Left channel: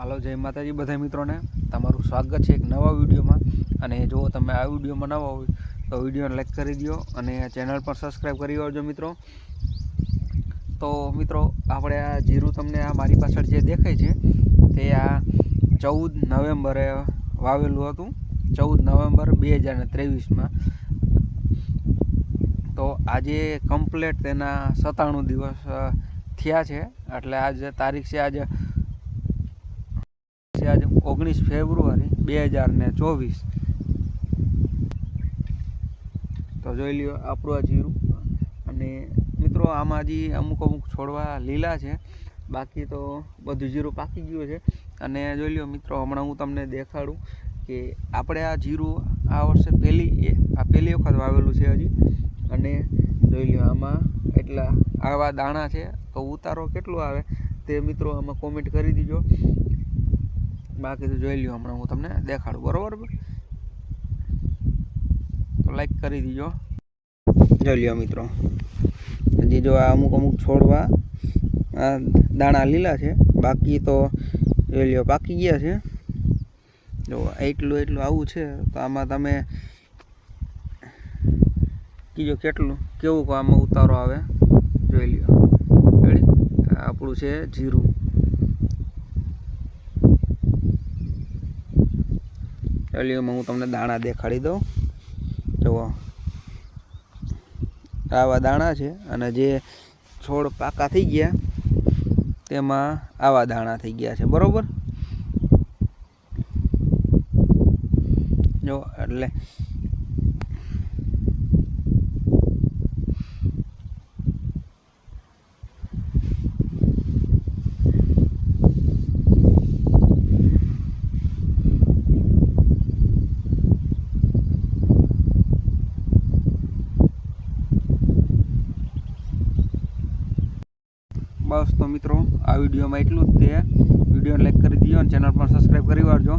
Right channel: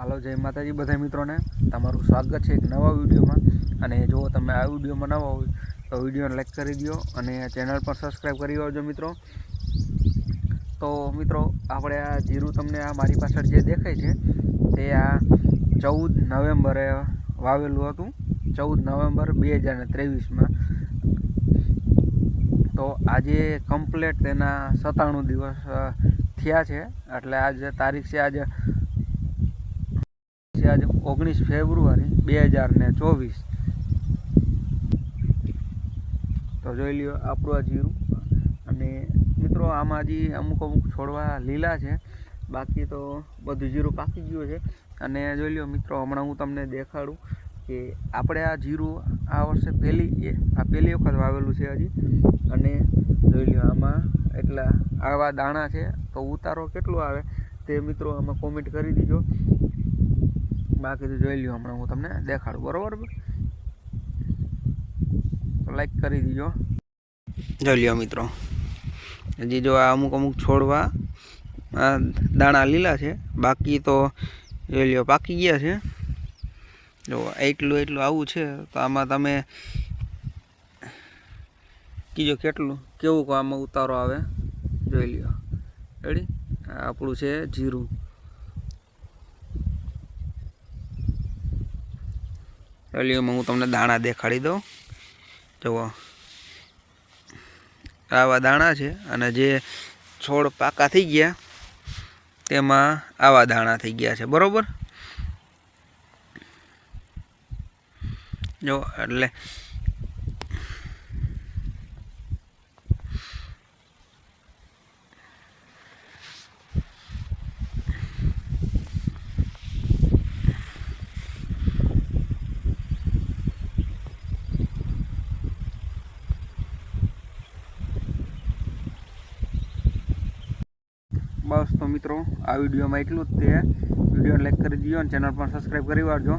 હાલો, જય માતાજી બધા મિત્રોને. તમારું સ્વાગત છે એક નવા વિડીયોમાં. અને જો તમે આ વિડીયોમાં નવા હોય, તો વિડીયોને લાઈક કરી દો અને ચેનલ પણ સબસ્ક્રાઈબ કરી આવજો મિત્રો. તો મિત્રો, આપણે આ જીરું તમને આ મારી પાછળ જે દેખાય છે, તે આ ચૌદ નવેમ્બરે વાવેલું હતું. ચૌદ નવેમ્બર બે હજાર ત્રેવીસમાં. તો આજે કમ્પ્લેટ તેના સત્તાણું દિવસ થયા છે. એટલે આજે તારીખ છે આજે છે આજે ઓગણીસ ફેબ્રુઆરી બે હજાર ને ચોવીસ. તો જોઈ લ્યો આપણું આ જીરું. અને મિત્રો આમાં હજી અમુક અમુક છોડવા લીલા છે. બાકી તો બધું જીરું પાકી ગયું છે. અને જોઈ લ્યો મિત્રો, હમણાં હું તમને દેખાડું કે આપણે આ જીરું આ વર્ષે પહેલી આ પહેલી વખત વાવેલું છે હજી. અને જોઈ લ્યો આમાં એટલા આવા દાણા છે. તો ઉતારો કેટલો આવે તે મિત્રો આમાં કોમેન્ટ કરી દીજો. બાકી તો જોઈ લ્યો હમણાં હું તમને દેખાડું, બરોબર તો લાઈક કરી દીજો. જોઈ લ્યો મિત્રો. હજી જો આ અમુક અમુક છોડવા, આ દાણા લીલા છે, બાકી તો જોઈ લ્યો પાકી ગયા છે. જો એટલું એટલું આવું છે, તો આમાં તમે કીજો કેટલું, કેવું આમાં ઉતારો આવે, જોઈ લ્યો. રેડી આપણું છે જીરું. એલિયોમાં હું તમને દાણા દેખાડી દઉં. જુઓ. આવા દાણા છે અને જે છોડ પાકા થઈ ગયા, તેમાં આવા દાણા થઈ ગયા છે. બરોબર? જો એટલે બસ તો મિત્રો, આ વિડીયોમાં એટલું જ તે વિડીયોને લાઈક કરી દીજો અને ચેનલ પણ સબસ્ક્રાઈબ કરી વાળજો.